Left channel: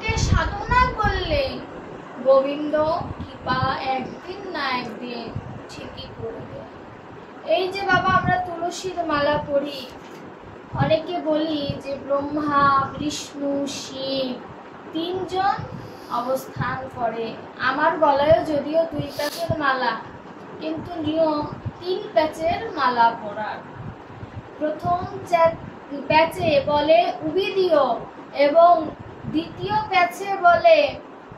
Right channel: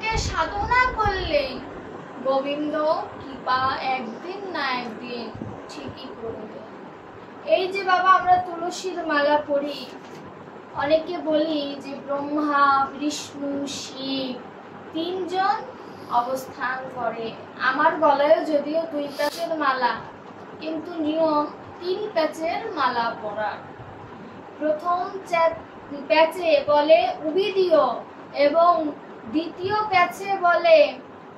গোবিন্দকে সাধনা করলে গোবিন্দ কৃপা একদিন না একদিন ঠিকই করবে। এই যে বাবা আমরা তুলসীর মালা পরি, অনেকে বলি যে ব্রহ্মা বিষ্ণু শিব তিনজন অবস্থান করে। আমার গলায়ও যদিও 2 প্যাচের মালা, কিন্তু নিয়ম 3 প্যাচের মালা পরার। প্রথম প্যাচে বলে উবিদীয় এবং দ্বিতীয় প্যাচে বলে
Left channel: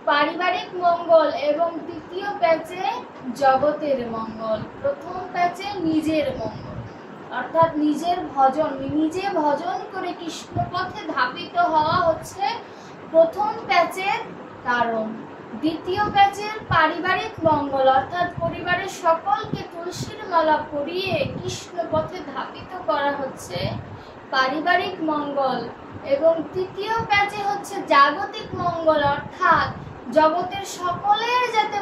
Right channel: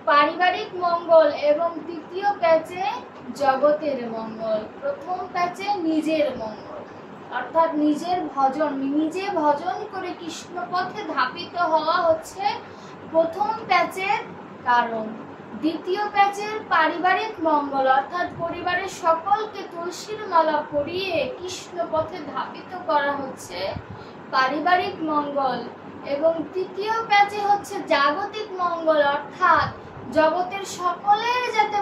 পারিবারিক মঙ্গল এবং তৃতীয় প্যাচে জগতের মঙ্গল। প্রথম প্যাচে নিজের মঙ্গল, অর্থাৎ নিজের ভজন, নিজে ভজন করে কৃষ্ণ পথে ধাবিত হওয়া হচ্ছে প্রথম প্যাচের কারণ। দ্বিতীয় প্যাচের পারিবারিক মঙ্গল, অর্থাৎ পরিবারের সকলকে তুলসীর মালা পরিয়ে কৃষ্ণ পথে ধাবিত করা হচ্ছে পারিবারিক মঙ্গল। এবং তৃতীয় প্যাচে হচ্ছে জাগতিক মঙ্গল, অর্থাৎ জগতের সকলের যাতে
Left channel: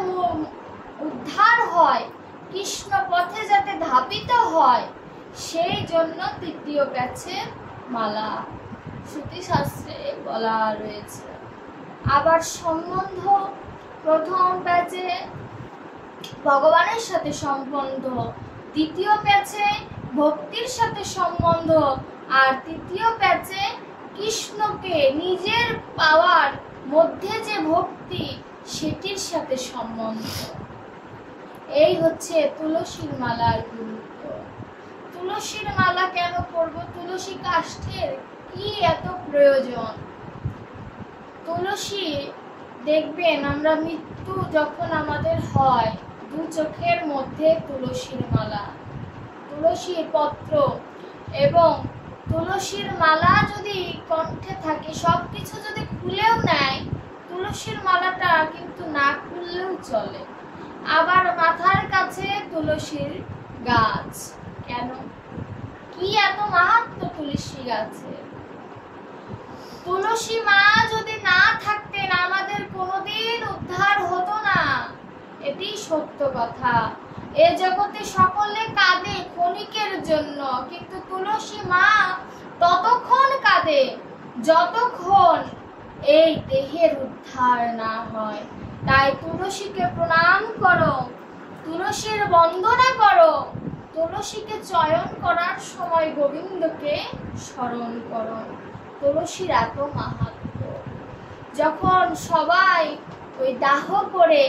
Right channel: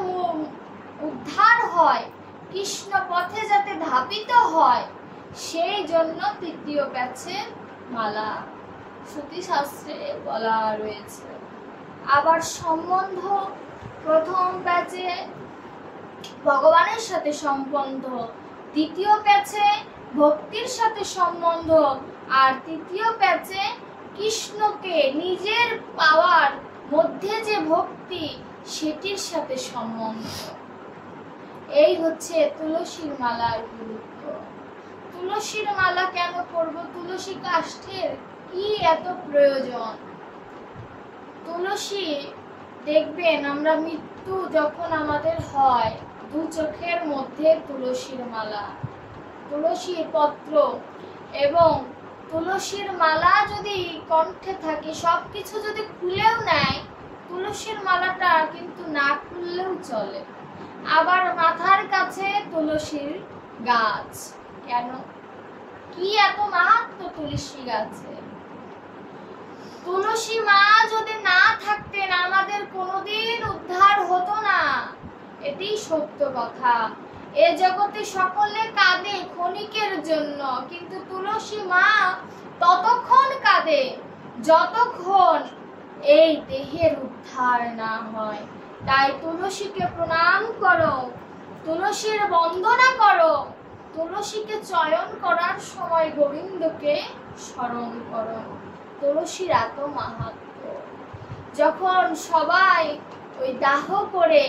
উদ্ধার হয়, কৃষ্ণ পথে যাতে ধাবিত হয়, সেই জন্য তৃতীয় প্যাচের মালা শ্রুতি শাস্ত্রে বলা রয়েছে। আবার সম্বন্ধ, প্রথম প্যাচে ভগবানের সাথে সম্বন্ধ, দ্বিতীয় প্যাচে ভক্তির সাথে সম্বন্ধ, আর তৃতীয় প্যাচে কৃষ্ণকে নিজের পাওয়ার মধ্যে যে ভক্তি সেটির সাথে সম্বন্ধ। এই হচ্ছে তুলসীর মালার গুরুত্ব। তুলসীর মালা কেন করব? তুলসী কাষ্ঠের কি এত প্রয়োজন? তুলসী দেখবেন আমরা মৃত্যু যখন আমাদের হয়, 2 চোখের মধ্যে তুলসীর মালা, তুলসীর পত্র এবং তুলসীর মালা যদি কণ্ঠে থাকে, সবকিছু যদি খুলেও নেয়, তুলসীর মালাটা কিন্তু না খুললেও চলে। আবার মাথার কাছে তুলসীর গাছ। কেন? কি এত মাহাত্ম্য তুলসী গাছে? তুলসী মা যদি না থাকতেন আমাদের কোনোদিন উদ্ধার হতো না, এটি সত্য কথা। এ জগতে সকলে কাঁদে ক্ষণিকের জন্য, কিন্তু তুলসী মা ততক্ষণ কাঁদে যতক্ষণ এই দেহের উদ্ধার না হয়। তাই তুলসীকে প্রণাম করো, তুলসীর বন্দনা করো, তুলসীকে চয়ন করার সময় গোবিন্দকে স্মরণ করো। তুলসীর এত মাহাত্ম্য। যখন সবাই ওই দাহ করে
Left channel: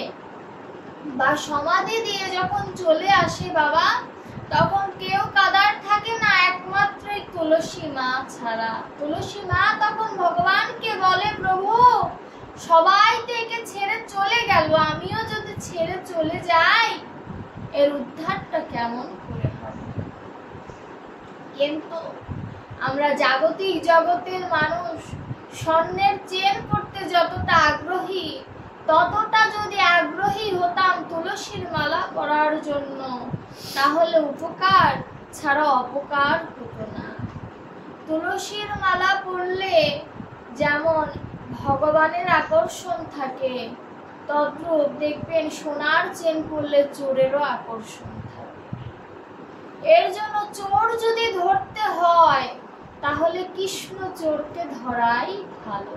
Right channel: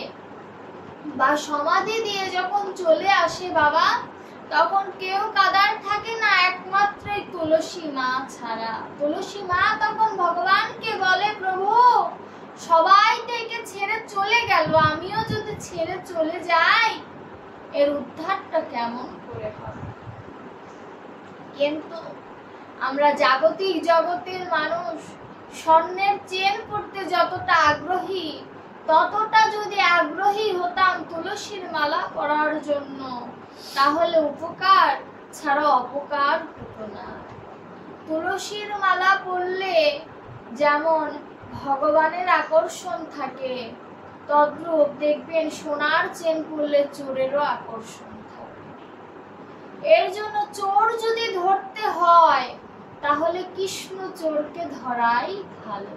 বা সমাধি দিয়ে যখন চলে আসে বাবা, তখন কেউ কাদার থাকে না, একমাত্র তুলসী মা ছাড়া। তুলসী মা তখন ভগবানকে বলে, প্রভু সবাই তো একে ছেড়ে চলে গেল, আমিও যদি ছেড়ে চলে যাই এর উদ্ধারটা কেমন করে হবে? কিন্তু আমরা জাগতিক জগতের মানুষ স্বর্ণের চেন পড়তে যতটা আগ্রহী, ততটা যদি আগ্রহী হতাম তুলসীর মালা পরার জন্য, তাহলে উপকার ছাড়া অপকার হতো না। তুলসীর মালা পরলে যেমন ভগবানের আকর্ষণ থাকে, তদ্রূপ দেখবেন সোনার চেন পরলে চোরেরও আকর্ষণ থাকে। এর জন্য চোর যদি ধরতে হয় তাহলে কৃষ্ণ চোরকে ধরাই ভালো।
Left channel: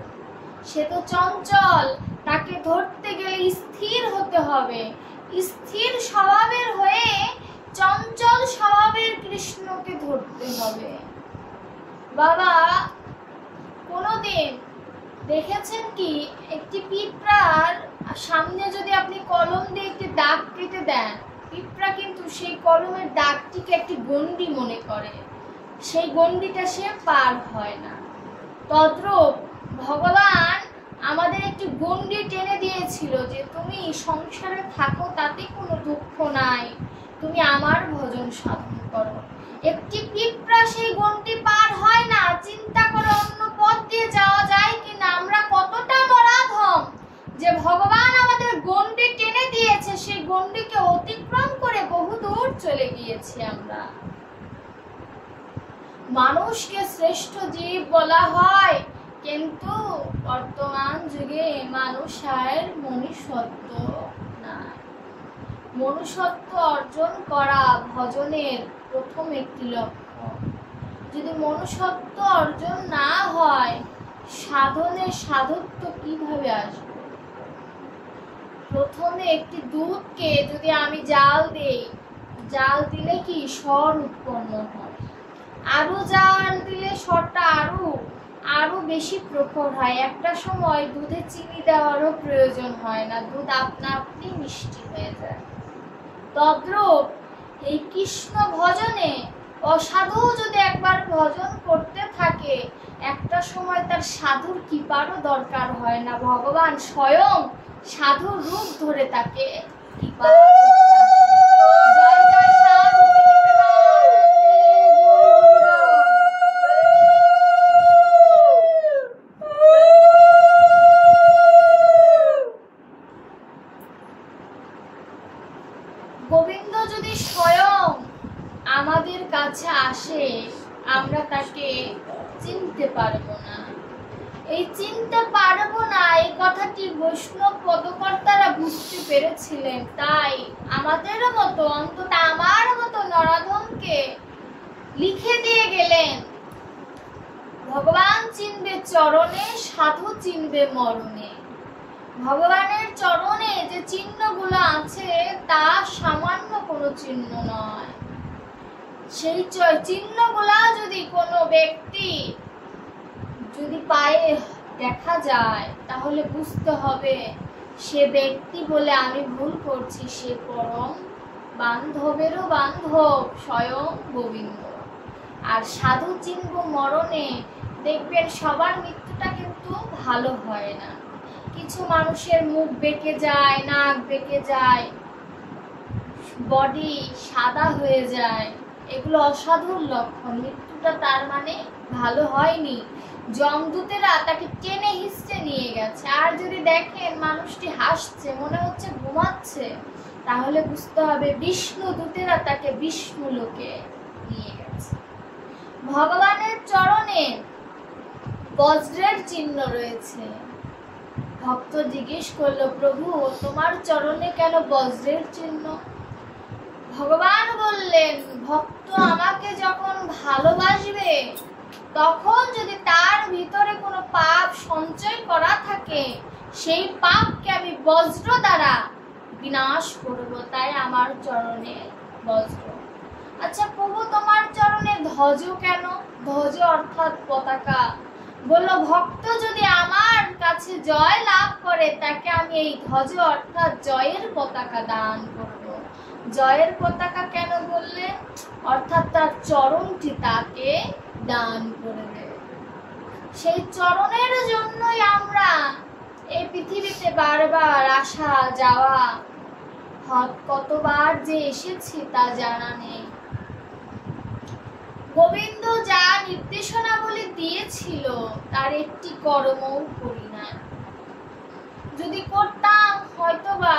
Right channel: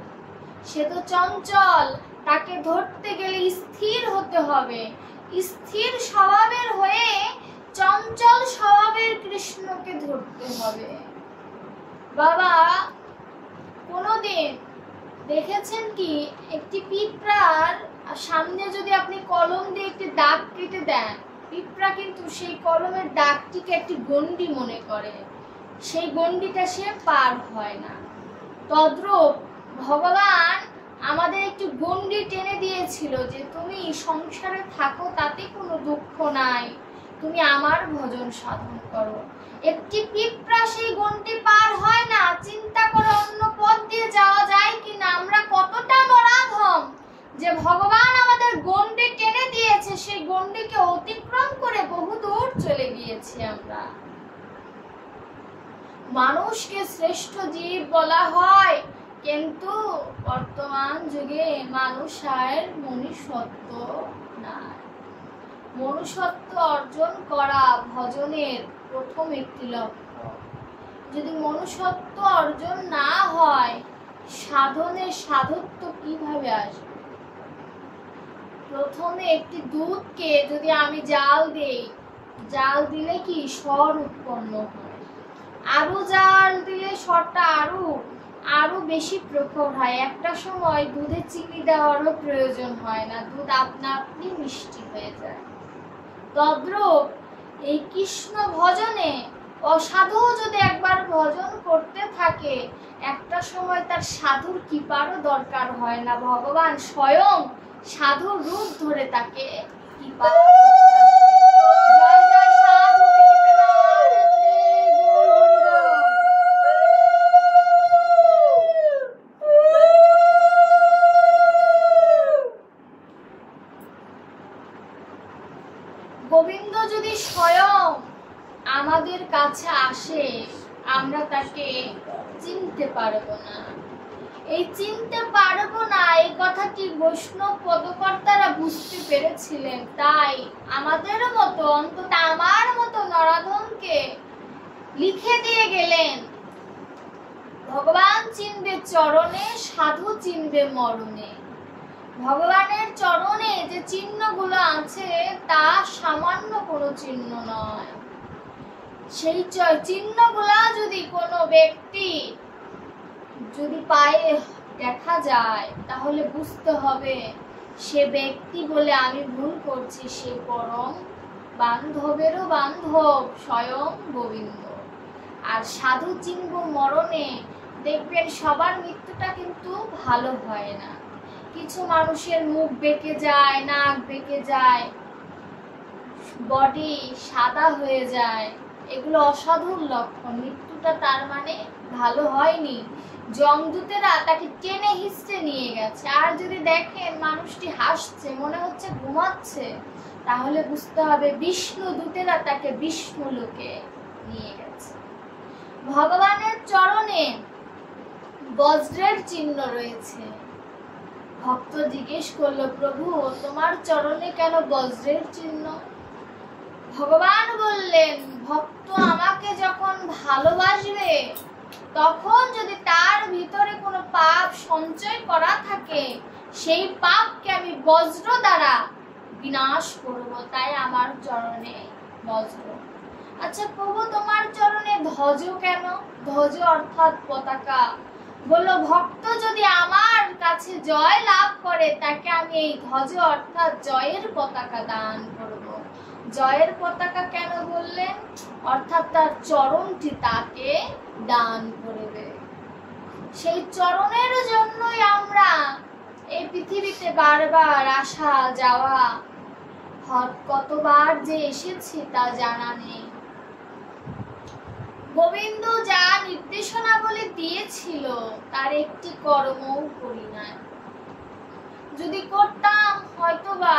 সে তো চঞ্চল, তাকে ধরতে গেলে স্থির হতে হবে। স্থির স্বভাবের হয়ে চঞ্চল স্বভাবের কৃষ্ণকে ধরতে হবে। বাবা কোনোদিন দেখেছেন কি একটি পিঁপড়ার সামনে যদি আপনি কলম দিয়ে একটি দাগ কেটে দেন, পিঁপড়া কিন্তু সেই কলমের দাগটিকে একটি গণ্ডি মনে করে, সেই গণ্ডিটা সে পার হয় না। তদ্রূপ ভগবান আমাদের একটি গণ্ডি টেনে দিয়েছিল যে তুমি সংসারে থাকো, তাতে কোনো দুঃখ নাই, তুমি আমার ভজন সাধন করো। একটি পিঁপড়া সেই গণ্ডি পার হয় না, চিন্তা করে অন্য পথ দিয়ে যাওয়া যায় কিনা। আমরা কতটা নরাধম যে ভগবান আমাদের গণ্ডি টেনে দিয়েছে, সেই গণ্ডিকে অতিক্রম করে বহু দূর চলে গিয়েছি আমরা। মানুষকে শ্রেষ্ঠ জীব বলা হয়, কিন্তু বর্তমান যুগে মানুষ আর মনুষ্যত্ব নাই। মনুষ্যত্ব অর্জন করা ভজনের প্রথম একটি লক্ষ্য। যদি মনুষ্যত্ব অর্জন না হয় সাধনের সাধত্ব কিভাবে আসবে? প্রথমে একটি দুধকে যদি আমি জাল দেই, জাল দিলে কি স্বর উৎপন্ন হয়, আরো জাল দিলে স্বরটা আরো বেশি প্রখর হয়। একটা সময় দুধে চিনি দেওয়ারও প্রয়োজন হয় না, দুধ আপনা আপনি মিষ্টি হয়ে যায়। তদ্রূপ এই কৃষ্ণ ভজনে অসাধু যদি একবার ভজন করতে থাকে, একটা সময় তার সাধুর কৃপারও দরকার হয় না, ভগবান স্বয়ং সাধুর রূপ ধরে তাকে কৃপা করতে আসে। জয় জয় সাধু গোবিন্দ যদি স্বয়ং আমাদের কাছে আসে, আমরা তাকে চিনতে পারবো না। এই চিনতে পারবো না এই কথাটি বৈষ্ণব পদকর্তারা বুঝতে পেরেছিলেন, তাই আমাদেরও মতো, অন্তত আমার মতো নরাধমকে লিখে দিয়ে গেলেন, ভগবান চিনবে চরণে, সাধু চিনবে মরণে। ভগবানের চরণে যে চিহ্নগুলো আছে তা সামান্য কোনো চিহ্ন নয়। সেই চিহ্নগুলা যদি কোনো ব্যক্তি যদি পায়ে দেখা যায়, তাহলে বুঝতে হবে সে ব্যক্তি বলে আমি ভুল করছি, সে পরম বান্ধবেরও বান্ধব স্বয়ং গোবিন্দ। আর সাধু চিনব মরণে, দেখবেন সবার মৃত্যুটা কিন্তু ভালো হয় না। কিছু মানুষের মুখ বেঁকে যায়, নাক বেঁকে যায়, বডি সাদা হয়ে যায়, এগুলো অসাধুর লক্ষণ। মৃত্যুটা তার মানে ভালো হয়নি, যমদূতেরা তাকে টেনে হিঁচড়ে নিয়ে গেছে। আর যদি দেখেন মানুষটি হাসছে, মনে হচ্ছে ঘুমাচ্ছে, তাহলে বুঝতে হবে বিষ্ণু দূতেরা তাকে বিষ্ণু লোকে নিয়ে গেছে। ভগবানের চরণে বজ্রের চিহ্ন রয়েছে। ভক্ত জিজ্ঞেস করলো, প্রভু তোমার চরণে কেন বজ্রের চিহ্ন? ভগবান বললেন, ভক্ত আমাকে যখন ভালোবাসবে, তখন যদি তার ভিতরে কোনো পাপ সঞ্চয় করা থাকে, সেই পাপকে আমি বজ্র দ্বারা বিনাশ করব, তাই আমার চরণে বজ্র। আচ্ছা প্রভু তোমার চরণে ধ্বজ কেন? ধ্বজ অর্থাৎ পতাকা। বলল, ভক্ত যদি আমার কাছে জয় লাভ করে, তাকে আমি এই ধ্বজ অর্থাৎ জয়ের পতাকা দান করব। জয়ের পতাকা কেন বললেন? অর্থাৎ তার চরণটি তাকে দান করবে। সেই চরণের জন্যই আমরা এই পৃথিবীতে বারবার আসা যাওয়া, কতবার যে এসেছি তা জানা নেই। গোবিন্দ যা নির্দেশনাবলী দিয়েছিল তার একটি কর্মও করি না। যদি করতাম হয়তোবা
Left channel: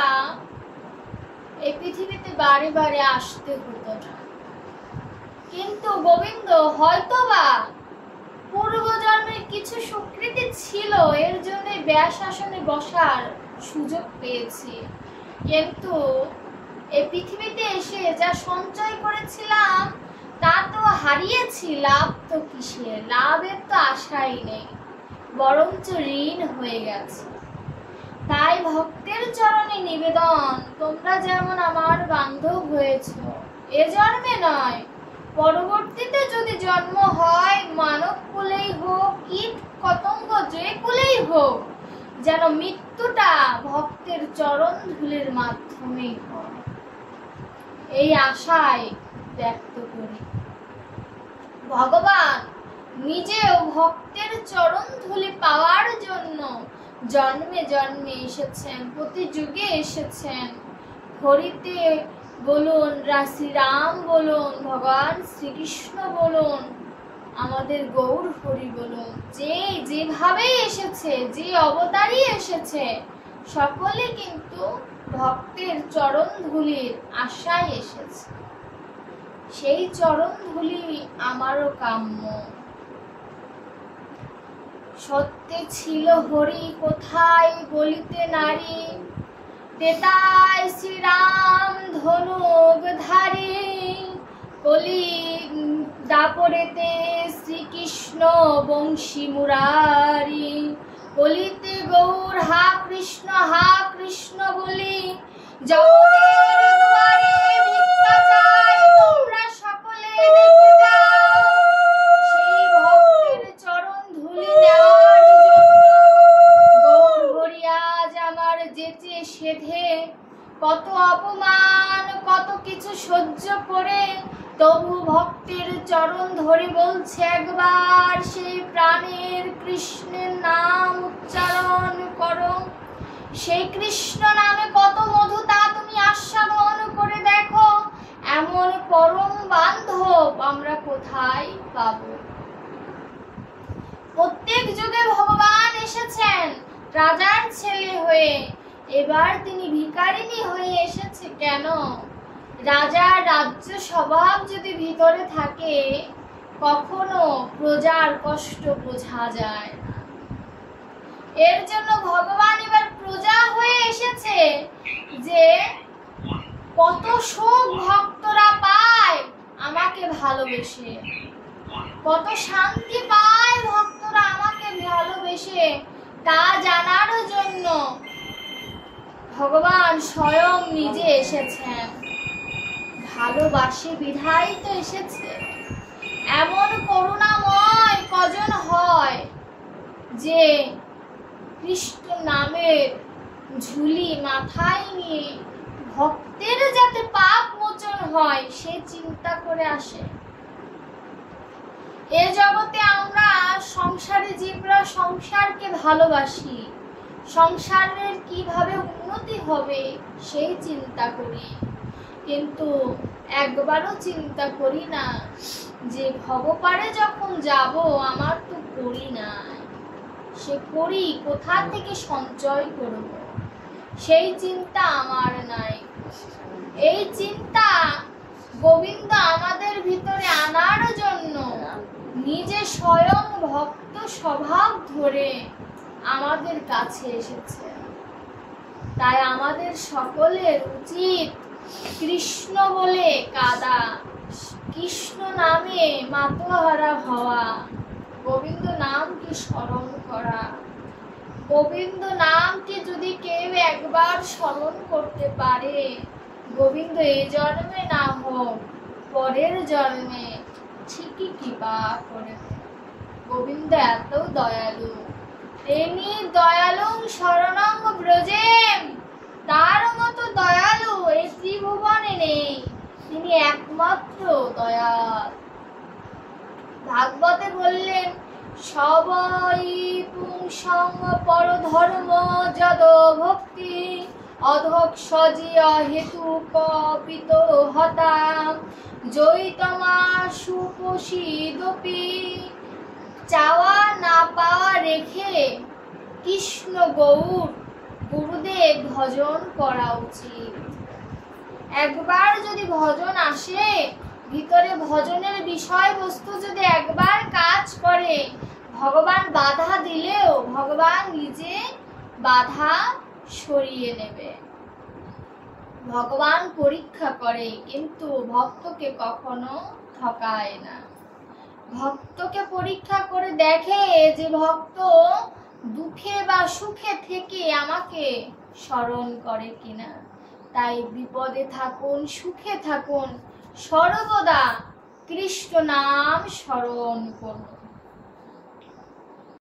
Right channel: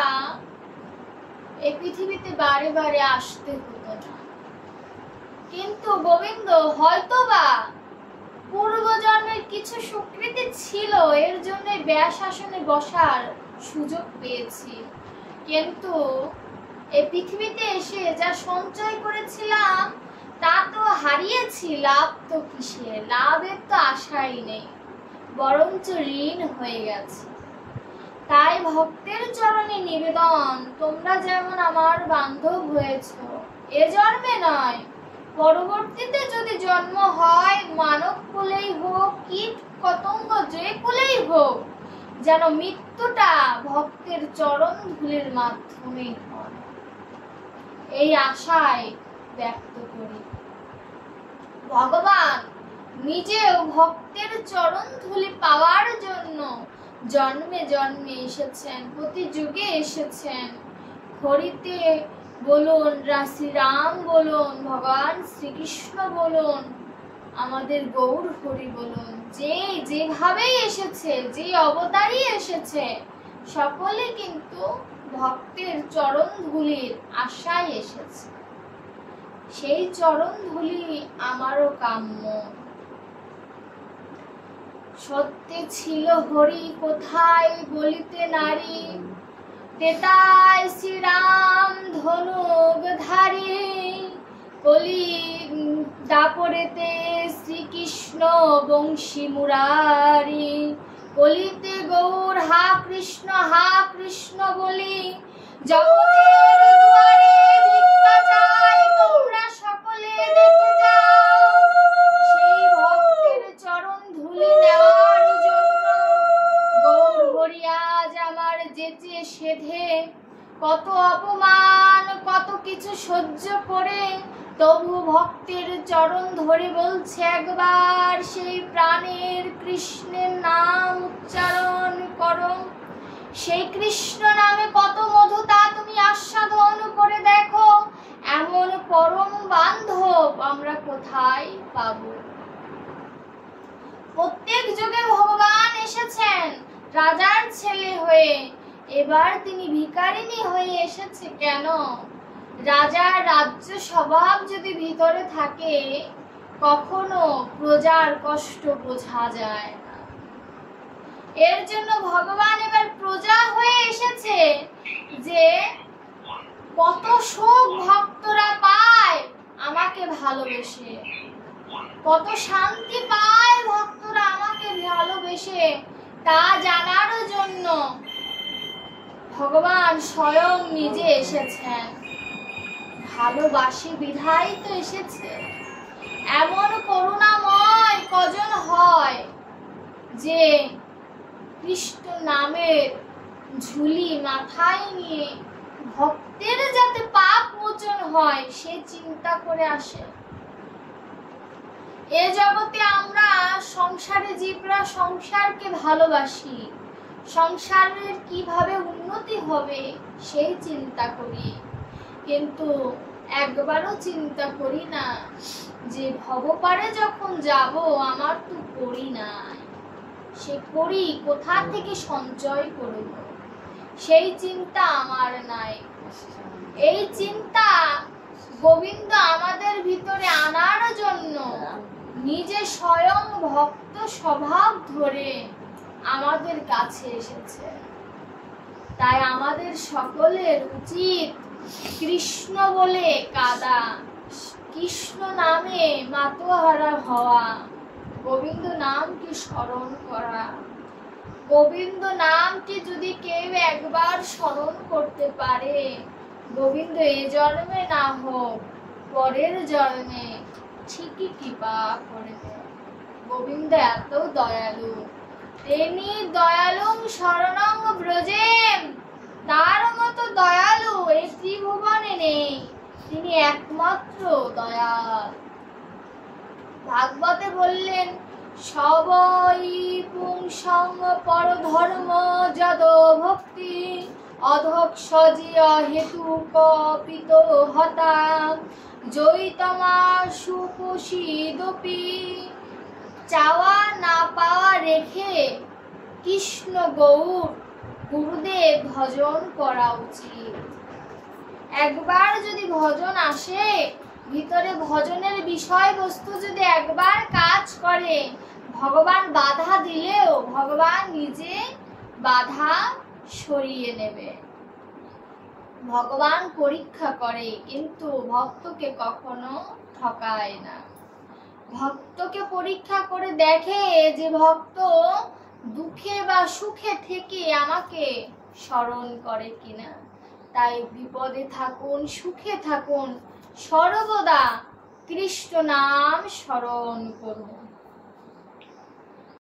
এই পৃথিবীতে বারে বারে আসতে হতো না। কিন্তু গোবিন্দ হয়তোবা পূর্বজন্মের কিছু সুকৃতি ছিল, এর জন্য ব্যাস আসনে বসার সুযোগ পেয়েছি। কিন্তু এই পৃথিবীতে এসে যা সঞ্চয় করেছিলাম তা তো হারিয়েছি, লাভ তো কিসের? লাভের তো আশাই নেই, বরঞ্চ ঋণ হয়ে গেছে। তাই ভক্তের চরণে নিবেদন, তোমরা যেমন আমার বান্ধব হয়েছ, এ জন্মে নয়, পরবর্তীতে যদি জন্ম হয়, মানব কুলেই হোক, কীট পতঙ্গ যে কুলেই হোক, যেন মৃত্যুটা ভক্তের চরণ ধুলির মাধ্যমেই হয়, এই আশায় ব্যক্ত করি। ভগবান নিজেও ভক্তের চরণ ধুলি পাওয়ার জন্য জন্মে জন্মে এসেছেন, প্রতি যুগে এসেছেন। হরিতে বলুন, শ্রীরাম বলুন, ভগবান শ্রীকৃষ্ণ বলুন, আমাদের গৌর হরি বলুন, যে যেভাবেই এসেছে, যে অবতারই এসেছে, সকলে কিন্তু ভক্তের চরণ ধুলির আশায় এসেছে। সেই চরণ ধুলি আমারও কাম্য। সত্যে ছিল হরি কোথায় বলিতে নারী, তেতায় শ্রীরাম ধনুক ধারী, কলি দাপরেতে শ্রীকৃষ্ণ বংশী মুরারি, কলিতে গৌর হা কৃষ্ণ বলি, জগতের দুয়ারে ভিক্ষা চাই তোমরা সকলে দেখে যাও, সেই ভক্তের চরণ ধুলি নেওয়ার জন্য গৌর হরি আজ আমার যেচে সেধে, কত অপমান কত কিছু সহ্য করে তবু ভক্তের চরণ ধরে বলছে একবার সেই প্রাণের কৃষ্ণের নাম উচ্চারণ করো। সেই কৃষ্ণ নামে কত মধু তা তুমি আস্বাদন করে দেখো, এমন পরম বান্ধব আমরা কোথায় পাবো? প্রত্যেক যুগে ভগবান এসেছেন রাজার ছেলে হয়ে, এবার তিনি ভিখারিনী হয়ে এসেছে কেন? রাজার রাজ্য স্বভাব যদি ভিতরে থাকে কখনো প্রজার কষ্ট বোঝা যায় না। এর জন্য ভগবান এবার প্রজা হয়ে এসেছে যে কত সুখ ভক্তরা পায় আমাকে ভালোবেসে, কত শান্তি পায় ভক্তরা আমাকে ভালোবেসে, তা জানার জন্য ভগবান স্বয়ং নিজে এসেছেন। ভালোবাসি বিধাই তো এসেছে। এমন করুণাময় কজন হয় যে কৃষ্ণ নামের ঝুলি মাথায় নিয়ে ভক্তের যাতে পাপ মোচন হয় সে চিন্তা করে আসে। এ জগতে আমরা সংসারে জীবরা সংসারকে ভালোবাসি, সংসারের কিভাবে উন্নতি হবে সেই চিন্তা করি, কিন্তু একবারও চিন্তা করি না যে ভবপারে যখন যাব আমার তো করি নাই, সে করি কোথা থেকে সঞ্চয় করব, সেই চিন্তা আমার নাই। এই চিন্তা গোবিন্দ আমাদের ভিতরে আনার জন্য নিজে স্বয়ং ভক্ত স্বভাব ধরে আমাদের কাছে এসেছে। তাই আমাদের সকলের উচিত কৃষ্ণ বলে কাঁদা, কৃষ্ণ নামে মাতোহারা হওয়া, গোবিন্দ নামকে স্মরণ করা। গোবিন্দ নামকে যদি কেউ একবার স্মরণ করতে পারে, গোবিন্দ এ জন্মে না হোক পরের জন্মে ঠিকই কৃপা করবে। গোবিন্দ এত দয়ালু, তিনি দয়ালু শরণং ব্রজেম, তার মতো দয়ালু এই ত্রিভুবনে নেই, তিনি একমাত্র দয়াল। ভাগবতে বললেন সবই পুংসং পরধর্ম যদ ভক্তি অধক্ষজিয়া হেতু কপিত হতা জয়িতমা সুপোষিদপি। চাওয়া না পাওয়া রেখে কৃষ্ণ গৌর গুরুদেব ভজন করা উচিত। একবার যদি ভজন আসে, ভিতরে ভজনের বিষয়বস্তু যদি একবার কাজ করে, ভগবান বাধা দিলেও ভগবান নিজে বাধা সরিয়ে নেবে। ভগবান পরীক্ষা করে কিন্তু ভক্তকে কখনো ঠকায় না। ভক্তকে পরীক্ষা করে দেখে যে ভক্ত দুঃখে বা সুখে থেকে আমাকে স্মরণ করে কিনা। তাই বিপদে থাকুন সুখে থাকুন সর্বদা কৃষ্ণ নাম স্মরণ করুন।